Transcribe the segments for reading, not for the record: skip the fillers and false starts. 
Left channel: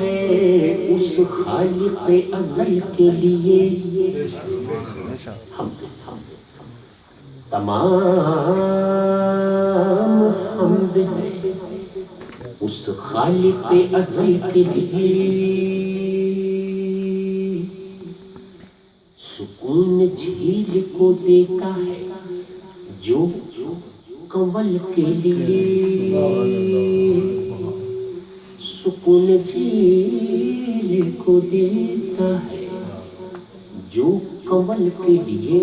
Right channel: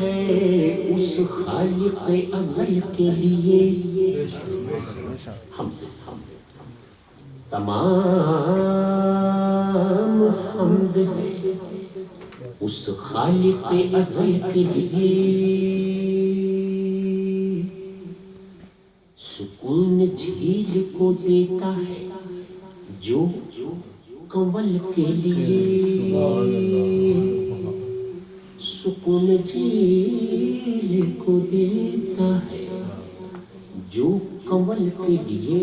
ہے اس خالق ازل کے لیے، حمد تمام حمد ہے اس خالق ازل کے لیے، سکون جھیل کو دیتا ہے جو کنول کے لیے، سکون جھیل کو دیتا ہے جو کنول کے لیے،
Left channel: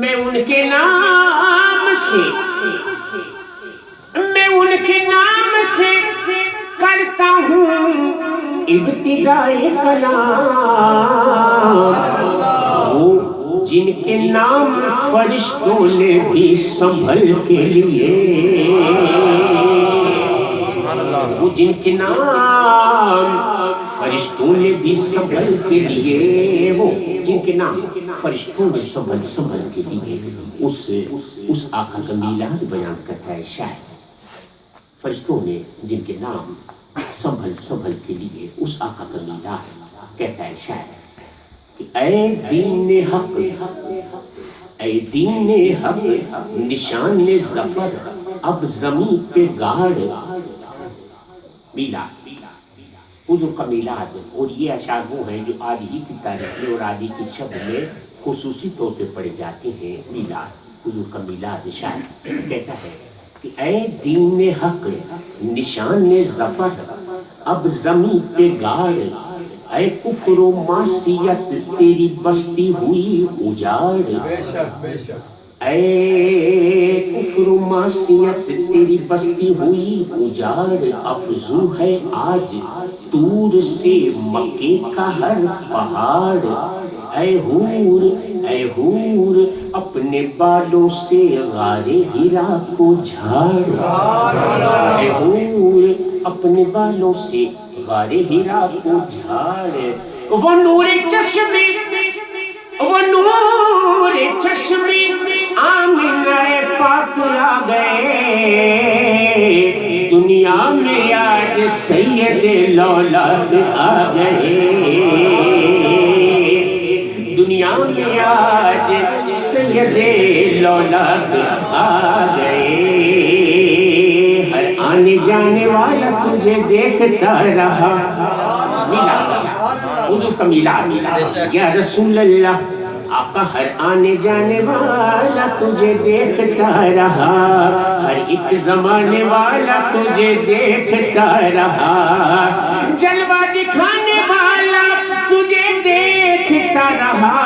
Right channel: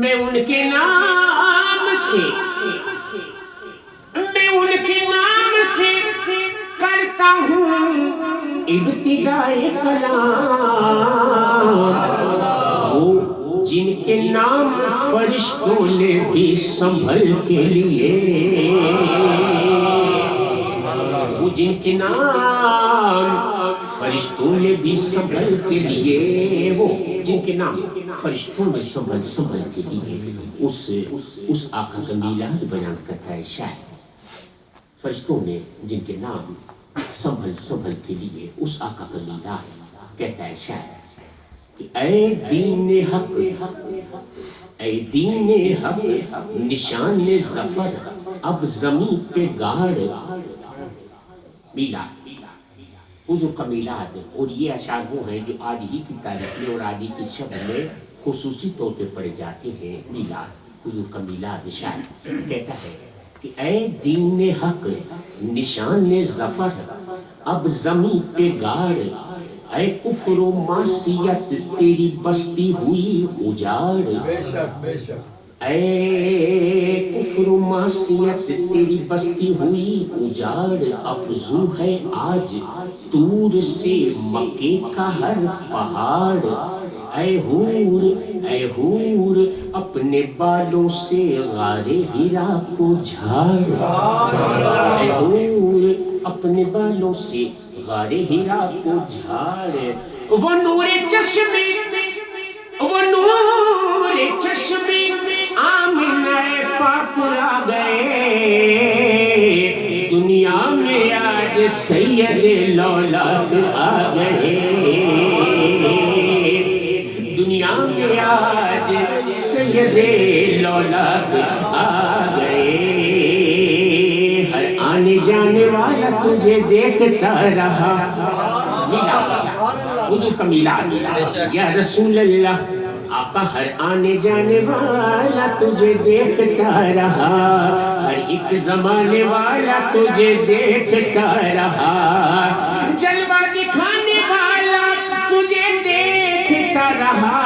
میں ان کے نام سے کرتا ہوں ابتدائے کلام، وہ جن کے نام فرشتوں نے بھی سنبھل کے لیے، وہ جن کے نام فرشتوں نے بھی سنبھل کے لیے، وہ جن کے نام فرشتوں نے سنبھل کے لیے، اس آقا کا میلاد بیان کرتا ہے شاعر، فرشتوں نے جن کے نام سنبھل کے لیے اس آقا کا میلاد کہتا ہے شاعر کہ اے دین حق، اے دین حق نشان ظفر اب زمین پہ گاڑ، میلاد حضور کا میلاد۔ اور یہ اشعار وہ ہیں جو آج ہی کی تاریخ میں اور آج ہی کی شب میں خصوصی طور پہ پڑھے جاتے ہیں۔ میلاد، حضور کا میلاد، شاعر کہتا ہے کہ اے دین حق نشان ظفر اب زمین پہ گاڑ، اے کفر و معصیت تیری بستی ہوئی اجاڑ، اے کفر و معصیت تیری بستی ہوئی اجاڑ، افزوں ہے آج طور سے مکے کا ہر پہاڑ، اے حور اپنے بالوں سے غار ہیرا کو جھاڑ، اے حور اپنے بالوں سے غار ہیرا کو جھاڑ، وہ نور چشمی آمنہ پاک آ گئے، دنیا میں آج سید لولاد آ گئے، دنیا میں آج سید لولاد آ گئے، ہر آنے جانے والا تجھے دیکھتا رہا، حضور کا میلاد، یا رسول اللہ آقا ہر آنے جانے والا تجھے دیکھتا رہا، ہر ایک زمانے والا تجھے دیکھتا رہا، جلوہ دکھانے والا تجھے دیکھتا رہا،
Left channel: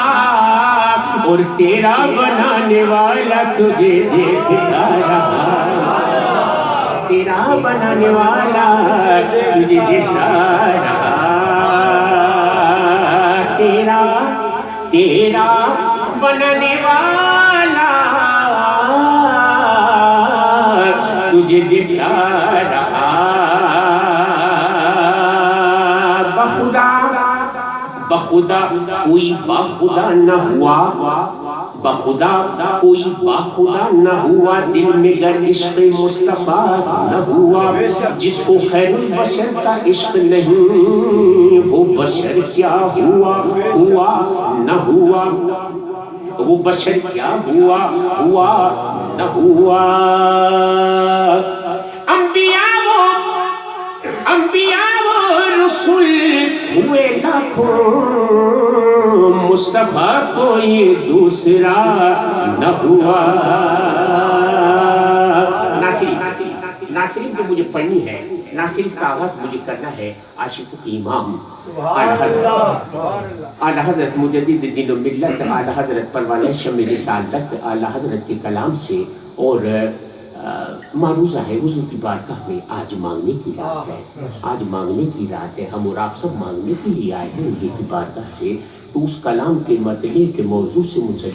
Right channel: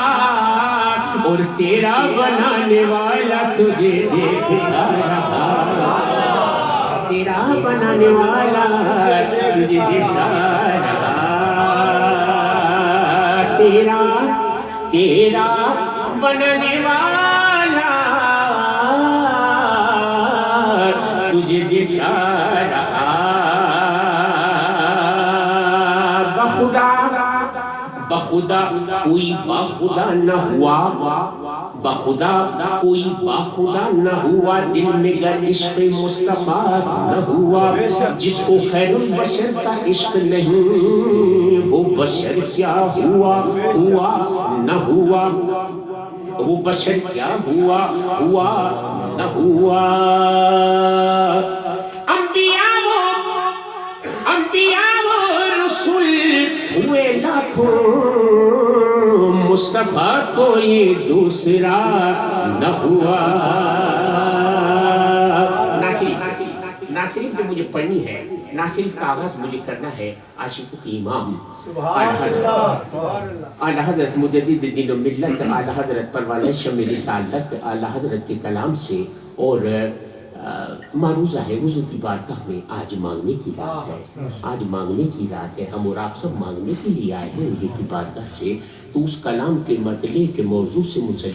اور تیرا بنانے والا تجھے دیکھتا رہا، تیرا بنانے والا تجھے دیکھتا رہا، تیرا بنانے والا تجھے دیکھتا رہا، بخدا کوئی باخدا نہ ہوا، بخدا کوئی باخدا نہ ہوا، دل میں گر عشق مصطفیٰ نہ ہوا، جس کو خیر البشر کا عشق نہیں وہ بشر کیا ہوا نہ ہوا، وہ بشر کیا ہوا نہ ہوا، انبیاء و رسول ہوئے لاکھوں، مصطفیٰ کوئی دوسرا نہ ہوا۔ ناصرف جو مجھے پڑھنی ہے، ناصرف کا آغاز مجھے کرنا ہے عاشقوں کی امام اعلیٰ حضرت مجدد دین و ملت، اعلیٰ حضرت پروانہ شمع رسالت، اعلیٰ حضرت کے کلام سے، اور معروضہ ہے حضور کی بارگاہ میں آج مانگنے کی رات ہے، آج مانگنے کی رات ہے، ہم اور آپ سب مانگنے کے لیے آئے ہیں حضور کی بارگاہ سے، تو اس کلام کے مطلع کے موضوع سے منسلک